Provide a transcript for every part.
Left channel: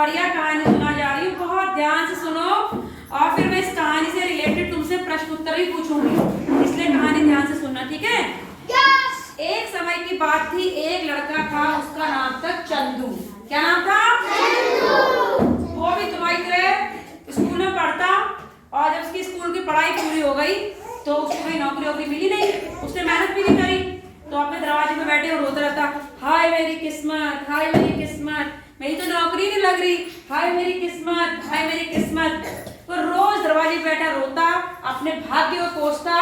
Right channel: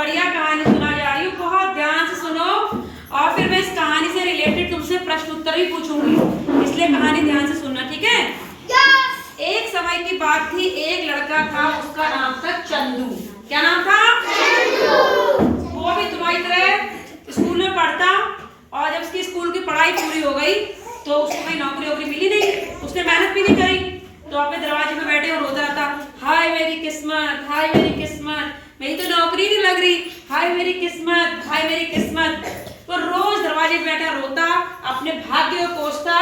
बढ़िया कहानी सुना जा रही हूँ, बहुत ध्यान से सुनो। और फिर मैं इस कहानी से रिलेटेड तुमसे प्रश्न उत्तर भी पूछूंगी, इसलिए कहानी ध्यान से सुनना, ठीक है? एक समय की बात थी, एक लड़का था, उसका नाम था चंदू। क्या नाम था? चंदू। वो भी तुम्हारी तरह स्कूल में पढ़ता, और जब उसकी स्कूल की पढ़ाई पूरी हो गई तो उसको कहीं नौकरी वोकरी मिली नहीं, उसने मेहनत भी नहीं करी, तो अपने दरवाजे पे बैठे और रोता रहता, हाय मेरी किस्मत, हाय मेरी किस्मत, मेरी तो नौकरी नहीं लग रही, हाय मेरी किस्मत, हाय मेरी किस्मत। तो रोज दरवाजे पे बैठा रोता, अपने भाग्य को कोसता,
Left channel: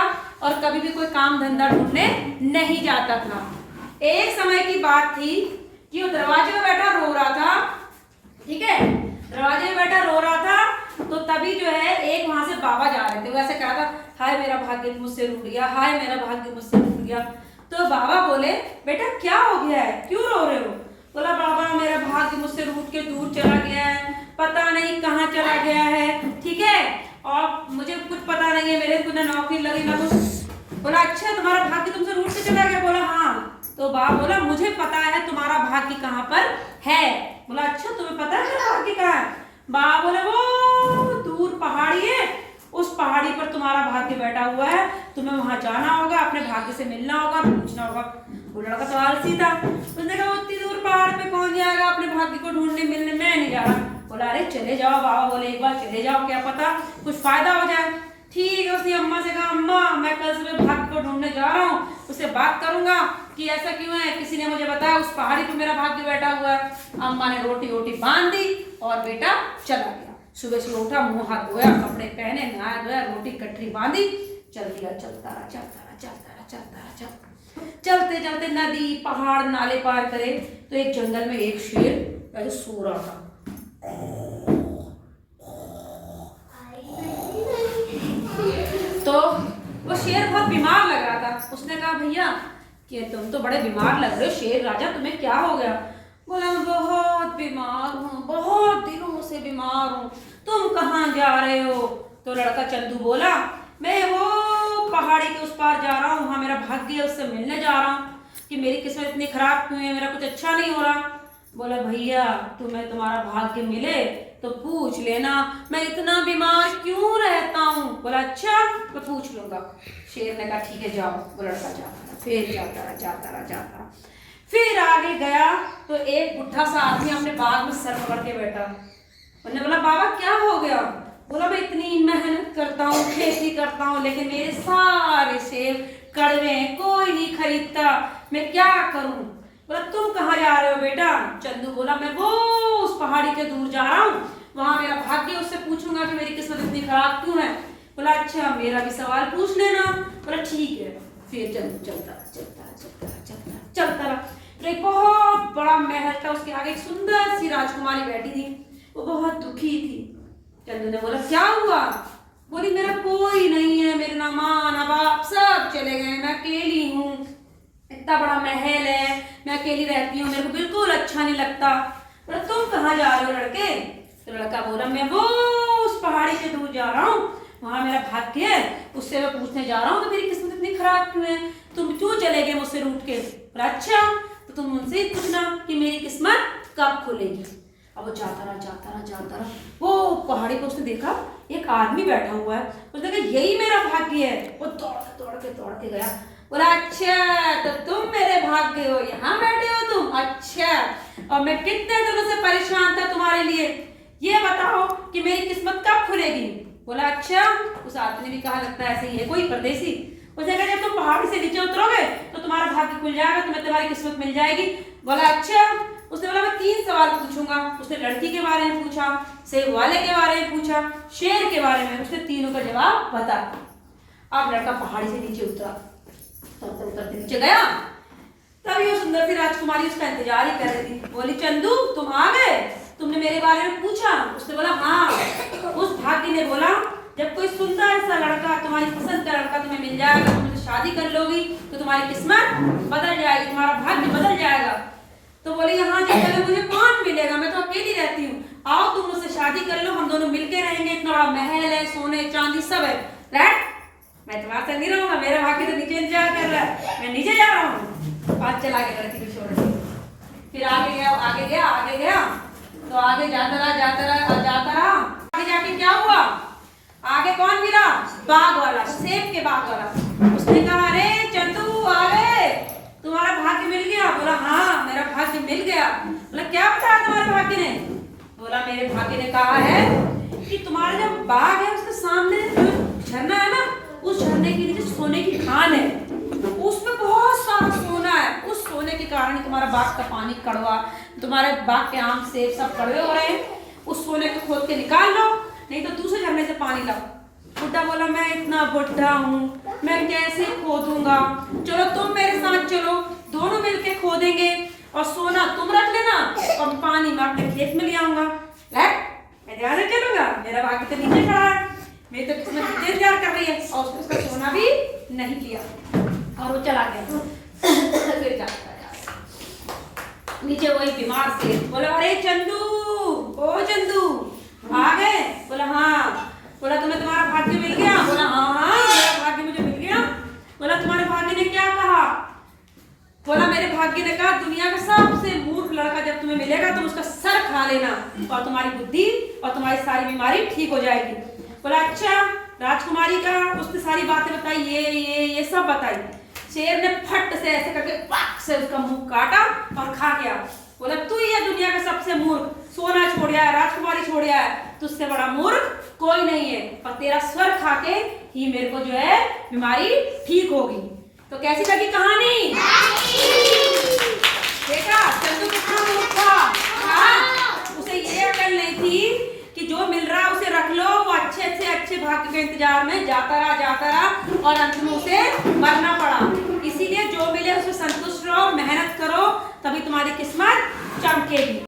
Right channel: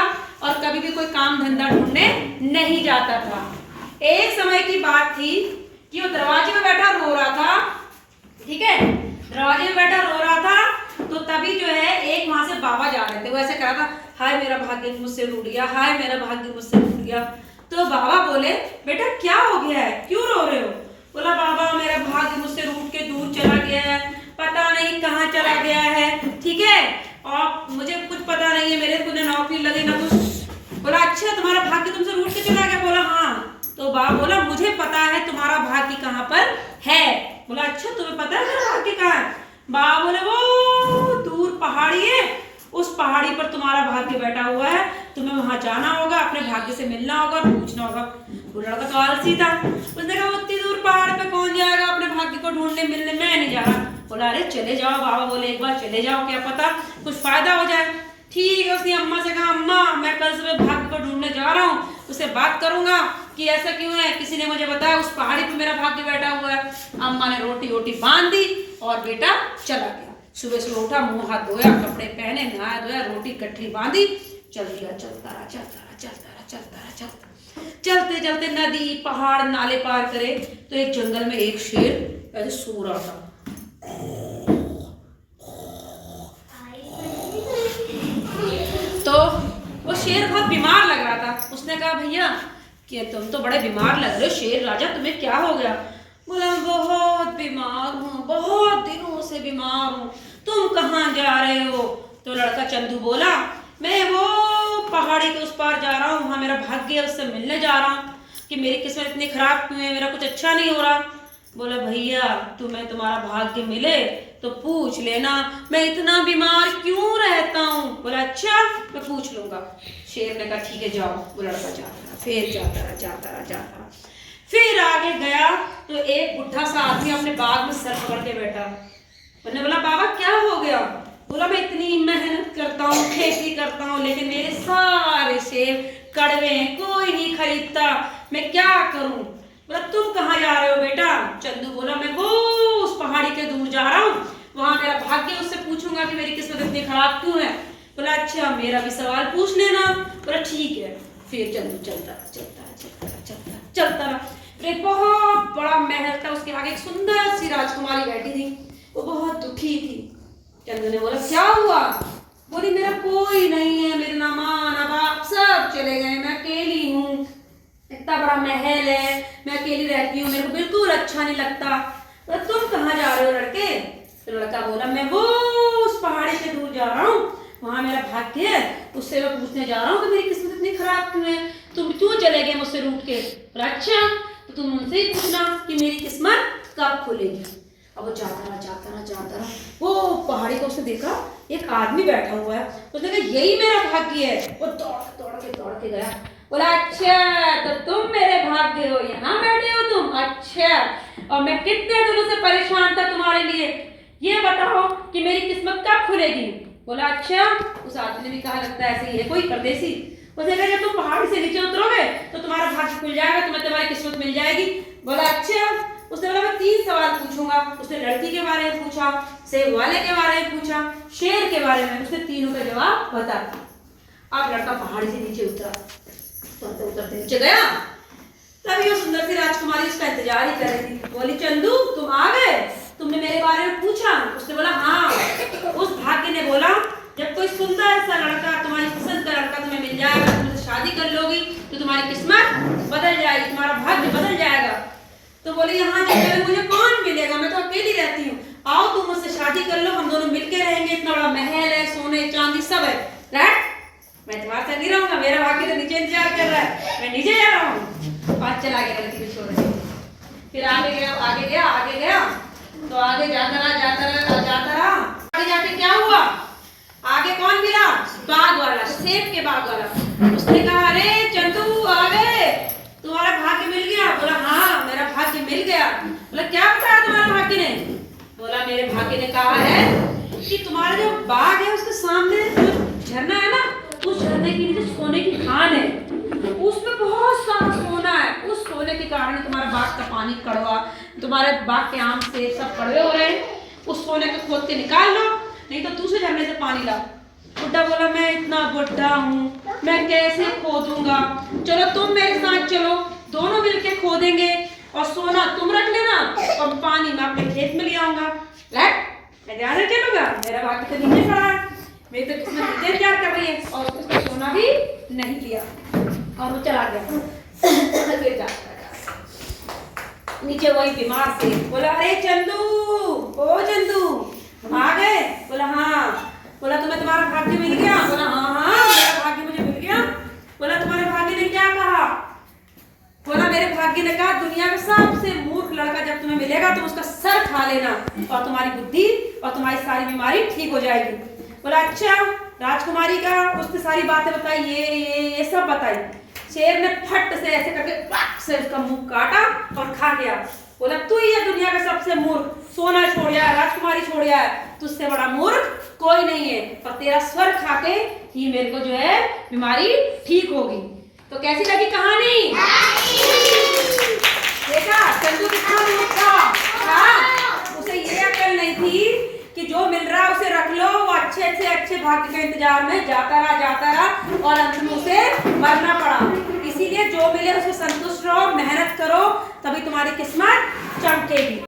और कभी भी कोई काम धंधा ढूंढने नहीं जाता था। एक समय की बात थी कि वो दरवाजे पे बैठा रो रहा था, ठीक है, दरवाजे पे बैठा रो रहा था, तो तभी जो है एक वहां से बाबा जा रहे थे, वो ऐसे कह रहा था, हाय मेरा भाग्य मुझसे रूठ गया, हाय मेरा भाग्य मुझसे रूठ गया। तो बाबा बोले, बेटा क्या हो गया है, क्यों रो रहे हो? बोला, बाबा मेरा भाग्य मुझसे रूठ के दूर चला गया है, पता नहीं कहाँ चला गया है, ठीक है, और मुझे कुछ पता नहीं है, मेरे को ना नौकरी लगी ना कुछ। बोला, अच्छा तुम्हारा भाग्य तुमसे रूठ के चला गया? बोला, हाँ। तो बाबा बोला, मुझे पता है तुम्हारा भाग्य कहाँ पर है। बोला, अच्छा तुम्हें पता है मेरा भाग्य कहाँ है? बाबा बोले, वो दूर पहाड़ी है, उस पहाड़ी पर तुम्हारा भाग्य बैठा हुआ है, तुम्हें वहां जाना होगा, अपने भाग्य से मिलना होगा, पूछना होगा। वो लड़का तो आलसी था, उसने कहा, उतनी दूर पहाड़ पे कौन जाएगा अपने भाग्य को ढूंढने मिलने, मैं नहीं जा रहा। बोला, अरे चले जाओ। बाबा बोले, एक बार चले जाओ, क्या पता कुछ फायदा हो जाए। ठीक है, उसने अम्मा से कहा, अम्मा मैं कल सुबह भाग्य को ढूंढने जा रहा हूँ, उससे बात करूंगा कि ऐसा क्यों है, किसी ने मुझे बताया उस पहाड़ी पे मेरा भाग्य बैठा हुआ है। अम्मा ने रोटी वोटी बांध दी और बेटा चला गया। सुबह सुबह उठा, मुंह हाथ धोया, कपड़े पहने, नहाया धोया, रोटी कटरी बांधी, चल दिया, चलता रहा, चलता रहा, चलता रहा, चलता रहा, चलता। चलते चलते नदी पहाड़ नाले पार करे तो एक जंगल में एक शेर ऐसे सो रहा था। तो वो शेर बहुत बीमार लग रहा था। उसने कहा, भैया कि तुम तो बड़े बीमार लग रहे हो, शेर राजा तुम्हें क्या हो गया? बोला, बहुत बीमार हूँ, बहुत दिनों से बीमार हूँ, तुम कहाँ जा रहे हो? तो लड़का चंदू बोला, मैं वो पहाड़ी के उस पार जा रहा हूँ, वहाँ मेरा भाग्य है, उससे मिलने जा रहा हूँ कि मेरी किस्मत इतनी खराब क्यों है, मेरा कुछ अच्छा नहीं हो रहा। बोला, भैया तुम्हें तुम्हारा भाग्य मिले तो पूछ लेना, मैं इतना बीमार क्यों रहता हूँ। बोला, अच्छा मैं पूछ लूंगा। शेर ने कहा, ठीक है जाओ। वो लड़का जाता रहा, फिर जाता रहा, जाता रहा, जाता रहा, फिर आगे गया तो एक बुढ़ा सा आदमी अपने बाग में सर पकड़ के बैठा। उन्होंने बोला, बाबा क्या हो गया? बोला, मैं इतनी मेहनत करता हूँ, खेती करता हूँ, लेकिन मेरे सारे सेब कड़वे हैं, कोई नहीं खरीदता, मैं क्या करूँ? बोला, तुम कहाँ जा रहे हो बेटा? चंदू बोला, मैं वो उस पहाड़ी के दूर जा रहा हूँ, वहां मेरा भाग्य, उससे पूछूंगा कि मेरी किस्मत इतनी खराब क्यों है। बोला, अच्छा मेरा भी सवाल पूछ लेना। बोला, ठीक है। फिर चंदू चलता चलता चलता चलता चलता रहा। एक बहुत बड़ा महल था, उसके आगे एक सुंदर सी राजकुमारी बैठी थी, वो बहुत दुखी थी। चंदू ने बोला, क्या हुआ? बोली, मेरा कोई नहीं है, मेरे ना माँ ना बाप सब चले गए, मैं अकेली हूँ, इतना बड़ा महल है, मैं अकेली रहती हूँ, मेरे को बिल्कुल अच्छा नहीं लगता। बोला, तुम कहाँ जा रहे हो लड़के? तो लड़का बोला, मैं वो उस पहाड़ी से दूर जा रहा हूँ, वहां मेरा भाग्य है, उससे मैं पूछने जा रहा हूँ कि मेरी किस्मत इतनी खराब क्यों है, तुम क्यों चले गए मुझसे रूठ के? अच्छा तो तुम उनसे ही पूछना कि मेरी किस्मत कब खुलेगी। अब वो जाता रहा, जाता रहा, जाता रहा, वो पहाड़ी को उसने देखा, एक आदमी बैठा हुआ है, उसने कहा, यही मेरा भाग्य है। वो दौड़ के गया। बोला, अच्छा तो तुम मेरे भाग्य हो, यहाँ बैठे हो तुम? अच्छा, और मैं कितने दिनों से परेशान था तुम्हारे लिए, ये बताओ कि मेरी किस्मत कब खुलेगी? बोला, अच्छा। उस आदमी ने भी कहा, लगता है ऐसे ही है कोई परदेसी। उसने कहा, जब तुम पहाड़ से नीचे उतरोगे तो तुम्हारा भाग्य खुल जाएगा, तुम्हें तुम्हारी किस्मत मिल जाएगी। बोला, अच्छा। उसने बोला, मैं 3 सवाल पूछूंगा। उसने लड़की के बारे में पूछा, सेब वाले के बारे में पूछा, शेर के बारे में, उसने तीनों का जवाब बता। अब लड़का पहाड़ी से नीचे उतरा, उतरते नीचे गया, तभी वो सुंदर सी राजकुमारी उसका इंतजार ही कर रही थी। बोली, चंदू तुम आ गए, तुमने मेरे बारे में पूछा? उसने बोला, हाँ। उस भाग्य ने बोला, जब कोई सुंदर सा लड़का, तुम्हारी पसंद का लड़का तुम्हें मिल जाएगा, तुम मुझसे शादी कर लोगी तो तुम्हारी किस्मत बदल जाएगी, तुम्हारा भाग्य बदल जाएगा। तो बोले, यहाँ जंगल में मुझे कौन मिलेगा, मैं तो अकेली रहती हूँ, आओ तुम मुझसे शादी कर लो, हम दोनों मिलके रहेंगे, इतना बड़ा महल है, सोने चांदी सब है। मैं तुम्हारे साथ नहीं रहूंगा, मेरा भाग्य तो नीचे इंतजार कर रहा है, मैं नीचे जा रहा हूँ। और चला गया लड़की को छोड़। फिर आगे गया, आगे गया, आगे गया, तो तो आगे जाता रहा जाता रहा जाता रहा। आगे जाके क्या हुआ, आगे कौन मिला, बाघ वाला, सेब के बाघ वाला। उसने कहा अरे चंदू आ गए, तुम्हारा भाग्य मिल गया। बोला हाँ मेरा भाग्य मिल गया। बोला क्या बताया तुम्हारे भाग्य ने। बोला मेरे भाग्य ने कहा है कि तुम्हारा जो बाग है उसके सामने जो झरना है ना, उस झरने के नीचे सोने की खान है, उसमें बहुत सारा सोना है। उस सोने के कारण तुम्हारा बाग का पानी कड़वा, तुम्हारे बाग के आम सेब सब कड़वे हो रहे हैं। उस सोने को खोद के निकाल लो, नहीं तो दूसरे झरने से पानी लाओ। बुड्ढा बोला मैं इतना बुड्ढा हूँ, मैं कैसे खोदूंगा, चलो तुम मेरे साथ चलो, दोनों मिलके खोदेंगे और सोना तुम रख लेना और पानी मैं अपने खेत में ले आऊंगा। मैं ध्यान रख लूंगा, मेरा भाग्य तो नीचे खड़ा है, मेरी तो किस्मत नीचे इंतजार कर रही है। और उसका सोना भी नहीं लिया और वो चला गया। फिर जाता नीचे वही बीमार से बोला अरे चंदू, ओ चंदू आ गए। बोला हाँ। बोला तुम्हें तुम्हारा भाग्य मिल गया। बोला हाँ हाँ मेरा भाग्य मुझे मिल गया। बोला तुम्हारे भाग्य ने क्या कहा। बोला मेरे भाग्य ने कहा दुनिया का सबसे मूर्ख लड़का जब तुम्हें मिलेगा तुम उसका सर खा लेना और तुम्हारी बुद्धि और तुम्हारी सारी बीमारी ठीक हो जाएगी। बोला अच्छा। राजकुमारी का उसने सारी बातें बताई, ये सब बताई। शेर ने फट से ऐसे करके पट से उसका मुंह काटा और खा गया। बोला तू ये दुनिया का सबसे मूर्ख, सोना छोड़ आया, राजकुमारी छोड़ आया, तुझसे बड़ा मूर्ख कोई नहीं है और तेरा स्वर खा के ही मेरे को जो है बीमारी ठीक होगी। तो कैसी लगी कहानी, देखा चंदू कितना मूर्ख था। उसे ये अकल नहीं थी कि जो मिल रहा है उसे रख लो, वो अच्छे से अच्छे भाग्य के इंतजार में जाता रहा और अंत में उसे मरना पड़ा। इसीलिए जो मिले उसमें संतुष्ट रहो, मेहनत करो, तभी तुम्हारी किस्मत